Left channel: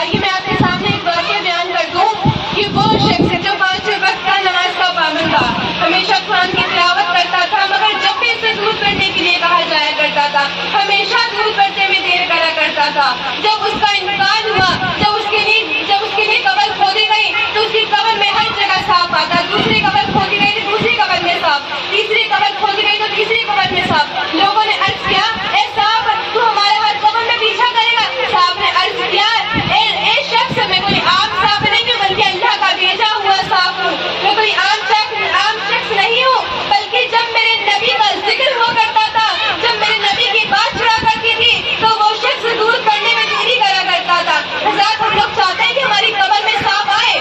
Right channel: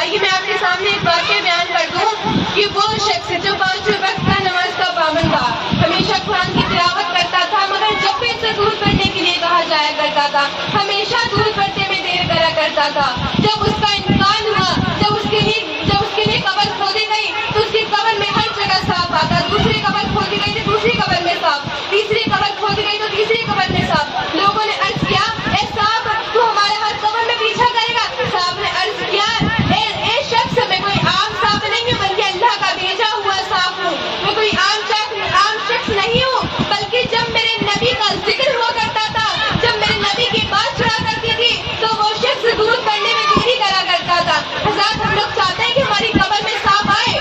آئیے میں آپ کے سامنے ایک واقعہ بیان کر دوں کہ وہ شخص جو 5 وقت کا نماز کا پابند تھا، ہمیشہ قرآن کی تلاوت کرتا تھا، مگر جب بھی اسے دور کرنے کے لیے کہا جایا کرتا تھا ہمیشہ دور کرتے میں دیر کرا کرتا تھا۔ جب اس کا انتقال ہوا، جب اس کے لیے قبر کھودی گئی تو اس کی قبر میں ہر جگہ سانپ آتا، دوسری قبر کھودی گئی تو دوسری قبر میں سانپ، تیسری قبر کھودی گئی تو تیسری قبر میں سانپ۔ لوگوں نے عرض کیا، اے سانپ تو ہمارے ہر قبر میں پیچھا کرے گا؟ سانپ نے عرض کیا، اے شخص میں کوئی عام سانپ نہیں ہوں بلکہ اللہ کا بھیجا ہوا سانپ ہوں، میں کوئی عام شخص نہیں ہوں، بلکہ جب میرے نبی کا ذکر ہوا کرتا تھا، جب میرے نبی کی بات چڑھا کرتی تھی تو وہ شخص دور کرنے میں دیری کرا کرتا تھا۔ حضرات ہم لوگ چاہتے ہیں کہ ہماری قبر میں سانپ آئے۔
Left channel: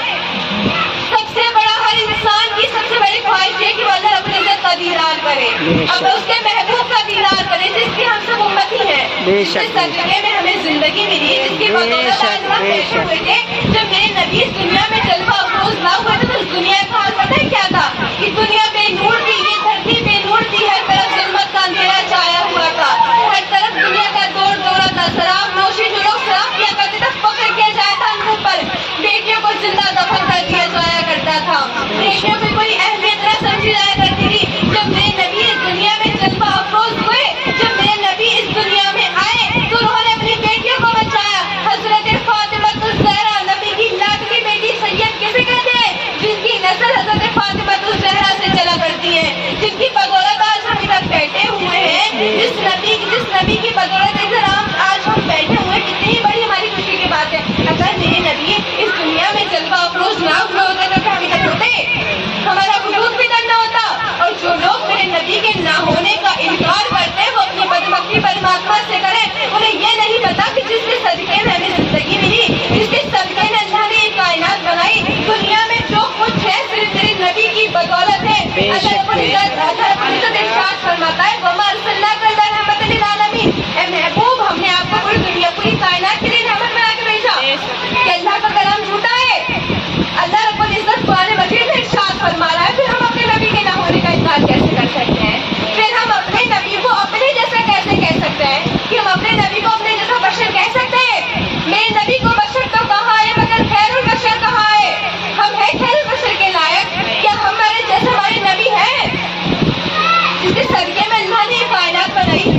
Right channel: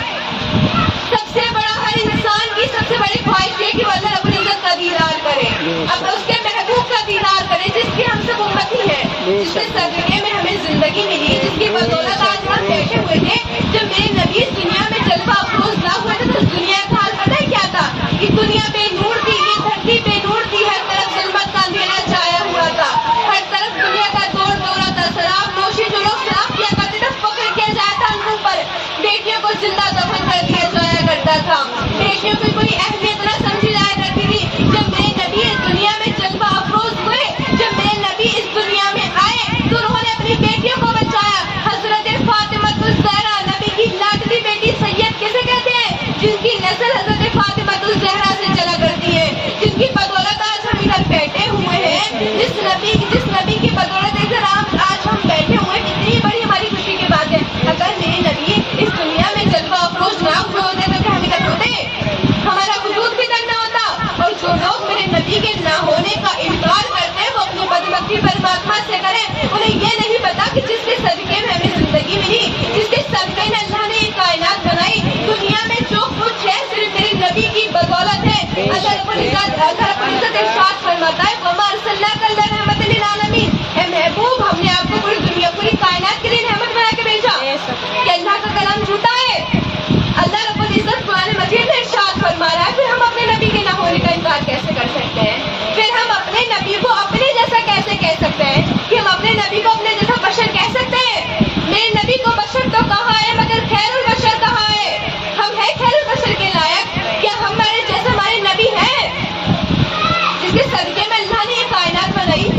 سب سے بڑا ہر انسان کی سب سے بڑی خواہش ہے کہ وہ اللہ رب العزت کا دیدار کرے، اب اس کے محبوب کا دیدار کرے جس کی ہم سب امتی ہیں، جس کے صدقے میں ہمیں زندگی ملی ہے، جس کی بدولت آج ہم بیٹھے ہوئے تھے۔ جب میرے نبی اس دنیا میں جلوہ افروز نہ ہوئے تھے تو اس دنیا کا حال پتہ ہے کیا تھا؟ کہ دنیا بے نور تھی، یہ دھرتی بے نور تھی، ہر طرف ظلمت کا اندھیرا چھایا ہوا تھا، ہر طرف دنیا کا دور دورہ تھا، شراب نوشی جو لوگ شراب کیا کرتے تھے فخر کیا جایا تھا ان کے اوپر، بیٹیوں کو زندہ دفن کر دیا جایا کرتا تھا، بیٹیوں کی کوئی اہمیت نہ سمجھی جایا کرتی تھی۔ جب میرے نبی اس دنیا میں جلوہ افروز ہوئے، جب میرے نبی اس دنیا میں آئے تو انہوں نے اپنی بیٹیوں کو بچایا۔ حضرت فاطمہ الزہرا نبی کی لاڈلی بیٹی سید کسے کہتے ہیں؟ جن کی نسل حضرت فاطمہ الزہرا سے چلا کرتی ہے، جن کی بدولت آج ہم ادھر بیٹھے ہوئے ہیں، جس نبی کی بدولت ادھر آج ہم بیٹھے ہوئے ہیں، کتنی بڑی ہماری خوشی کی بات ہے۔ اگر میرے نبی اس دنیا میں جلوہ افروز نہ ہوئے ہوتے تو ہم ادھر ہوتے، ہمارا وجود بھی نہ ہوتا۔ اور جو لوگ میرے نبی کے نہ ہونے کا انکار کرتے ہیں وہ اپنی بدبختی پرماتما سے کریں، انہیں یہ نہیں پتا کہ جس کے صدقے میں ہمیں زندگی ملی، جس کے صدقے میں اللہ نے یہ کائنات بنائی، دنیا میں جو کچھ ہے صرف میرے نبی کی بدولت ہے۔ اللہ رب العزت ارشاد فرماتا ہے، وما ارسلناک الا رحمۃ للعالمین، اے محبوب ہم نے آپ کو پوری دنیا پوری کائنات کے لیے رحمت بنا کے بھیجا۔ کہ اللہ کا کلام جھوٹا ہے؟ اللہ رب العزت قرآن مجید میں ارشاد فرما رہا ہے، پھر ہم اپنے نبی کے نہ ہونے کا انکار کیسے کر سکتے ہیں؟ پھر ہم اپنے نبی کو اپنے جیسا کیسے کہہ سکتے ہیں کہ ہم اپنے نبی کو اپنے جیسا بشر کہہ سکتے ہیں؟ میرے نبی کو بشر تو کہا ہے مگر خیر البشر کہا ہے، ہم ہیں خیر البشر کے لائق؟ کیا ہمارے جیسے ہمارے نبی ہیں جس کے صدقے میں اللہ نے یہ کائنات بنائی؟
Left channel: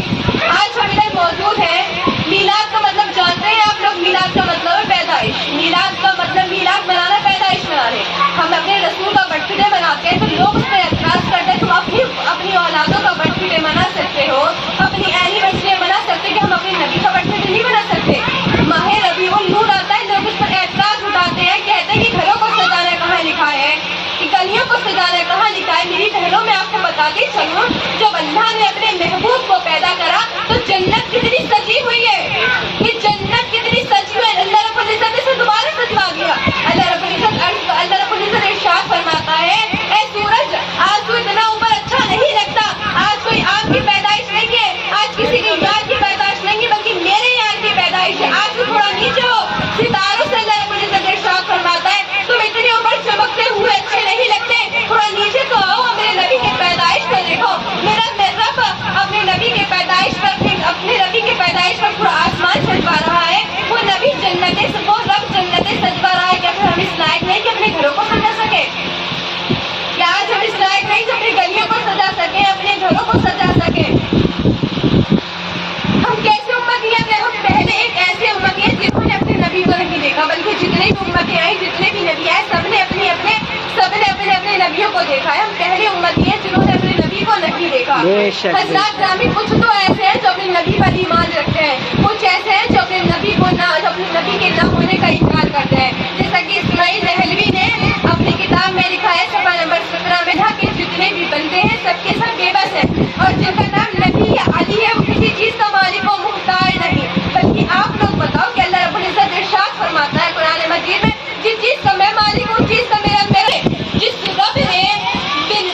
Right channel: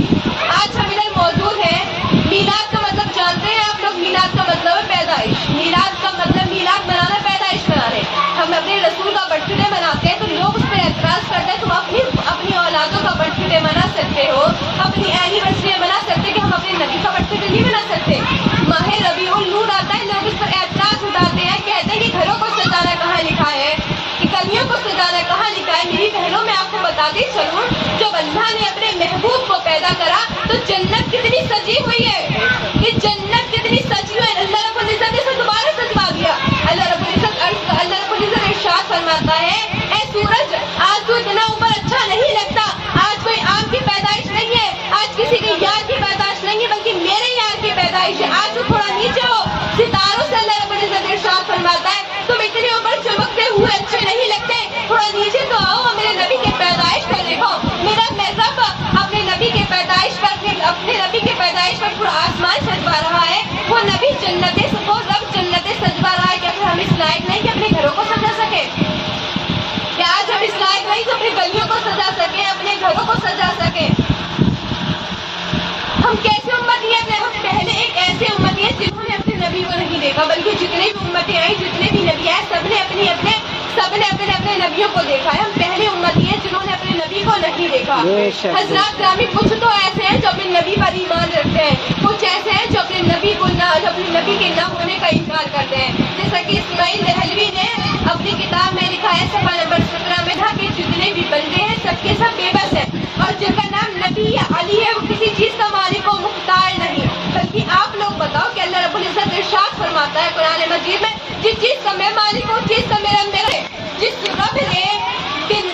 آج ہم ادھر موجود ہیں۔ میلاد کا مطلب جانتے ہیں آپ لوگ؟ میلاد کا مطلب ہے پیدائش، میلاد کا مطلب میلاد منانا، پیدائش منانے۔ ہم اپنے رسول کا برتھ ڈے مناتے ہیں، پھر لوگ اس پر اعتراض کرتے ہیں تم اپنی اولادوں کا برتھ ڈے منا سکتے ہو، اپنی اینیورسری منا سکتے کہ ہم اپنے نبی کا برتھ ڈے نہیں منا سکتے؟ ماہ ربیع النور آتا ہے، لوگ اس پر اعتراض اٹھاتے ہیں، کہتے ہیں کہ گھروں کو سجانا کہاں لکھا ہے، کہ گلیوں کو سجانا کہاں لکھا ہے؟ میری بہنوں میں آپ کو بتاتی چلوں، جب اللہ نے اپنے محبوب کو پیدا کرا تو جنت کتنی سجی ہوئی ہے، یہ جنت کتنی سجی ہوئی ہے، اللہ رب العزت نے اسے دوبارہ سجوا دیا۔ اللہ رب العزت ارشاد فرماتا ہے، اے سورج آج کوئی اتنا اوپر اچھا نہیں لگتا، آج کوئی عام کی پیدائش نہیں ہے، آج کسی کے یار کی پیدائش نہیں ہے بلکہ میرے یار کی پیدائش ہے، آج تو تھوڑا نیچے ہو۔ ستاروں سے اللہ رب العزت ارشاد فرماتا ہے، تم اتنے اوپر چمکتے ہوئے اچھے نہیں لگتے، تھوڑا نیچے تو آؤ، میرے نبی کی پیدائش کو دیکھو۔ میرا رب اپنے نبی کے پیدائش پر پورا آسمان سجوا رہا ہے، وہ رب جنتیں سجوا رہا ہے، کیا پھر ہم اس لائق نہیں کہ اپنے گھروں کو سجا سکے؟ کیا آج ہم اس لائق نہیں کہ اپنی گلیوں کو سجا سکیں، اپنے گھروں کو سجا سکیں؟ ہم کیسے امتی ہیں؟ ہم پہلے ایک ایسے امتی ہیں جنہوں نے اپنے نبی کو نہیں دیکھا، بلکہ جتنے بھی امتیں آئیں، جتنے بھی نبی آئے، سب نے اپنے نبیوں کو دیکھا ہے۔ ہم پہلے امتی ہیں جنہوں نے اپنے نبی کو نہیں دیکھا۔ حضرات گرامی، کچھ تو ایسے ہیں جو اپنے نبی پر ایمان رکھتے ہیں، کچھ ایسے ہیں جو اپنے نبی کے نہ ہونے کا انکار کرتے ہیں، جیسا کہ اسماعیل دہلوی نے اپنی کتاب میں لکھا ہے صفحہ نمبر 17 میں، کہ جتنے بھی بندے ہیں سب کے سب بے بس ہیں، اور جن کا نام نبی یا علی ہے وہ کسی چیز کا مالک و مختار نہیں۔ بلکہ آپ لوگ بتاؤ کہ اللہ رب العزت ارشاد فرماتا ہے قرآن مجید میں، جس چیز کا میں مالک ہوں، چیز کا میرا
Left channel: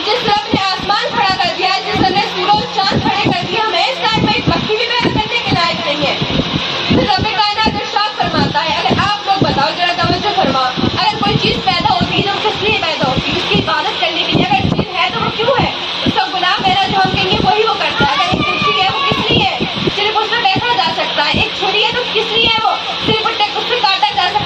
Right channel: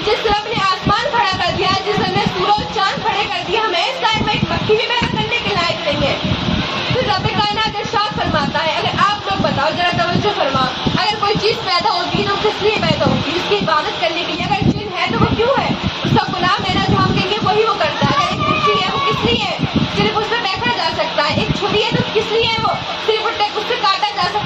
جس رب نے آسمان کھڑا کر دیا، جس رب نے سورج چاند کھڑے کر دیا، ہمیں اس ٹائم میں ایک مکھی بھی پیدا کرنے کے لائق نہیں ہے۔ پھر رب کائنات ارشاد فرماتا ہے، اگر آپ لوگ بتاؤ ذرا توجہ فرما، اگر کوئی چیز پیدا ہوتی ہے تو کس لیے پیدا ہوتی ہے؟ اس کی عبادت کرنے کے لیے۔ اگر دل ہے تو وہ کیوں ہے؟ اس کا غلام ہے نا جو ہم کہیں گے وہی وہ کرتا ہے۔ اگر ایک کرسی ہے وہ کس لیے ہے؟ صرف اس میں بیٹھا جا سکتا ہے۔ ایک چھری ہے تو کس لیے ہے؟ وہ صرف اس سے کاٹا جا سکتا ہے۔